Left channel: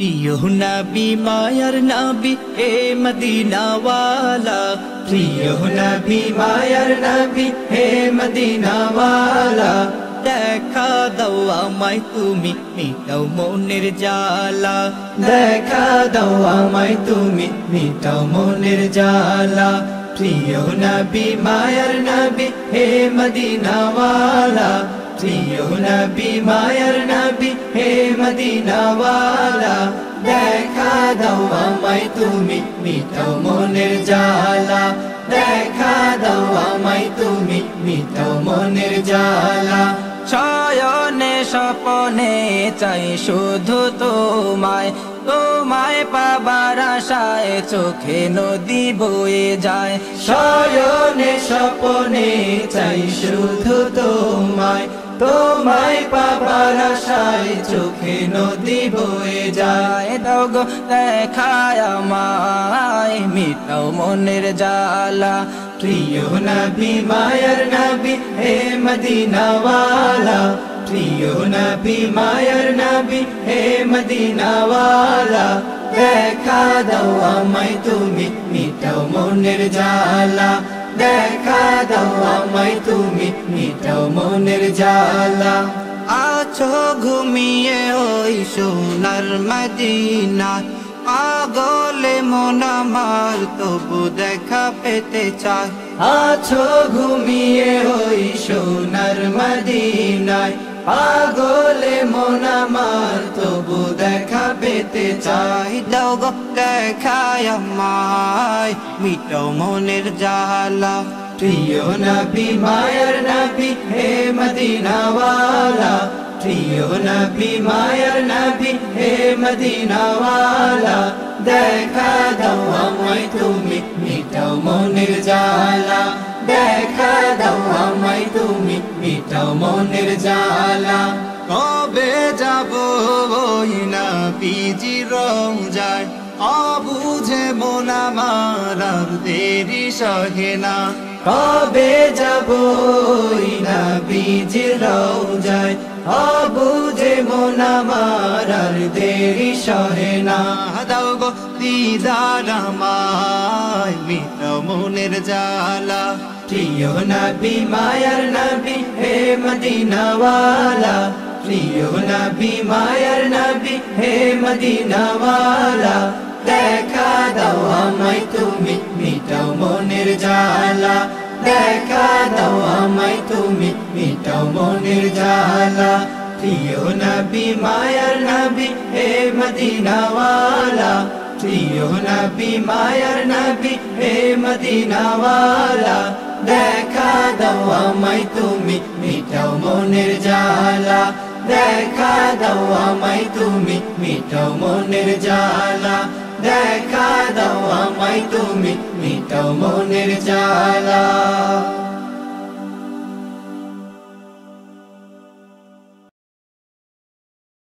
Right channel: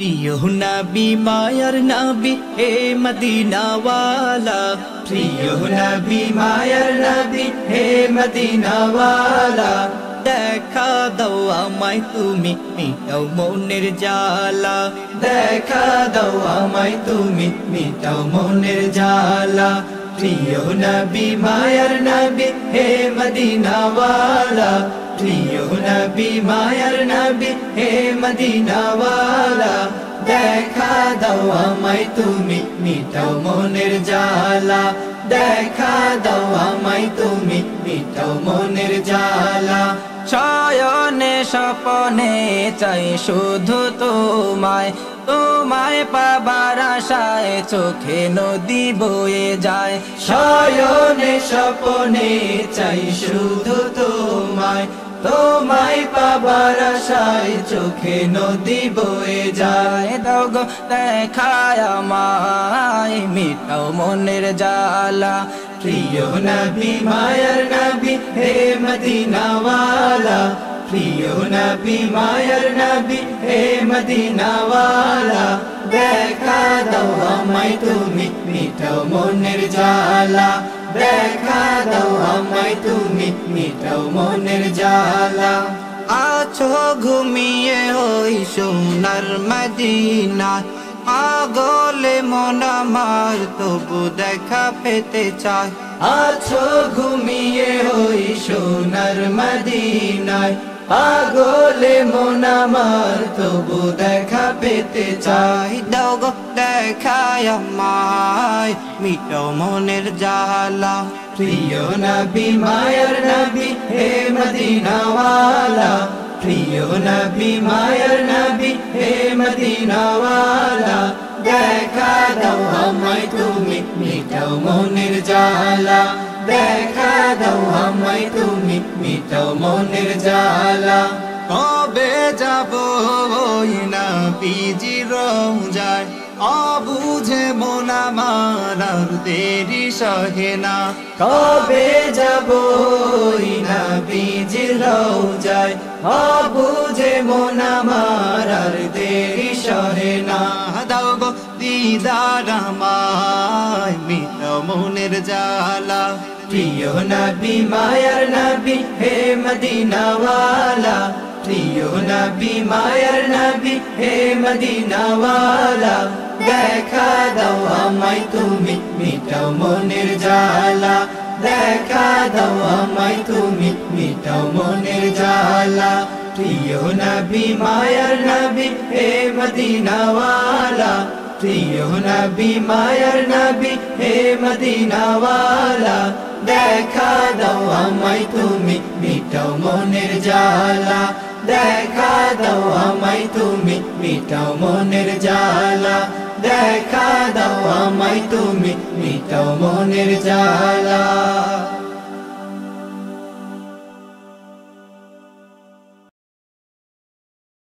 প্রিয় নবী মায়ার নবী হে মদিনাওয়ালা, প্রিয় নবী মায়ার নবী হে মদিনাওয়ালা, দেখা দাও আমায় তুমি মিটাও মনের জ্বালা, দেখা দাও আমায় তুমি মিটাও মনের জ্বালা। প্রিয় নবী মায়ার নবী হে মদিনাওয়ালা, প্রিয় নবী মায়ার নবী হে মদিনাওয়ালা, দেখা দাও আমায় তুমি মিটাও মনের জ্বালা, দেখা দাও আমায় তুমি মিটাও মনের জ্বালা। শয়নে স্বপনে চাই শুধু তোমায়, তোমায় পাবার আশায় চোখে নদী বয়ে যায়। শয়নে স্বপনে চাই শুধু তোমায়, তোমায় পাবার আশায় চোখে নদী বয়ে যায়। দাও গো দেখায় আমায় মিটাও মনের জ্বালা। প্রিয় নবী মায়ার নবী হে মদিনাওয়ালা, প্রিয় নবী মায়ার নবী হে মদিনাওয়ালা, দেখা দাও আমায় তুমি মিটাও মনের জ্বালা, দেখা দাও আমায় তুমি মিটাও মনের জ্বালা। আছো ঘুমিয়ে ওই সোনার মদিনা, পাগলে মন আমার তবু দেখা পেতে চায়। আছো ঘুমিয়ে ওই সোনার মদিনায়, পাগলে মন আমার তবু দেখা পেতে চাই। দাও গো দেখায় আমায় মিটাও মনের জ্বালা। প্রিয় নবী মায়ার নবী হে মদিনাওয়ালা, প্রিয় নবী মায়ার নবী হে মদিনাওয়ালা, দেখা দাও আমায় তুমি মিটাও মনের জ্বালা, দেখা দাও আমায় তুমি মিটাও মনের জ্বালা। কবে যাব ওই নবীজির রওজায়, অবুঝে মন আমার আর দেরি সহে না। কবে যাব ওই নবীজির রওজায়, অবুঝে মন আমার আর দেরি সহে না। দাও গো দিদার আমায় মিটাও মনের জ্বালা। প্রিয় নবী মায়ার নবী হে মদিনাওয়ালা, প্রিয় নবী মায়ার নবী হে মদিনাওয়ালা, দেখা দাও আমায় তুমি মিটাও মনের জ্বালা, দেখা দাও আমায় তুমি মিটাও মনের জ্বালা। প্রিয় নবী মায়ার নবী হে মদিনাওয়ালা, প্রিয় নবী মায়ার নবী হে মদিনাওয়ালা, দেখা দাও আমায় তুমি মিটাও মনের জ্বালা, দেখা দাও আমায় তুমি মিটাও মনের জ্বালা, দেখা দাও আমায় তুমি মিটাও মনের জ্বালা।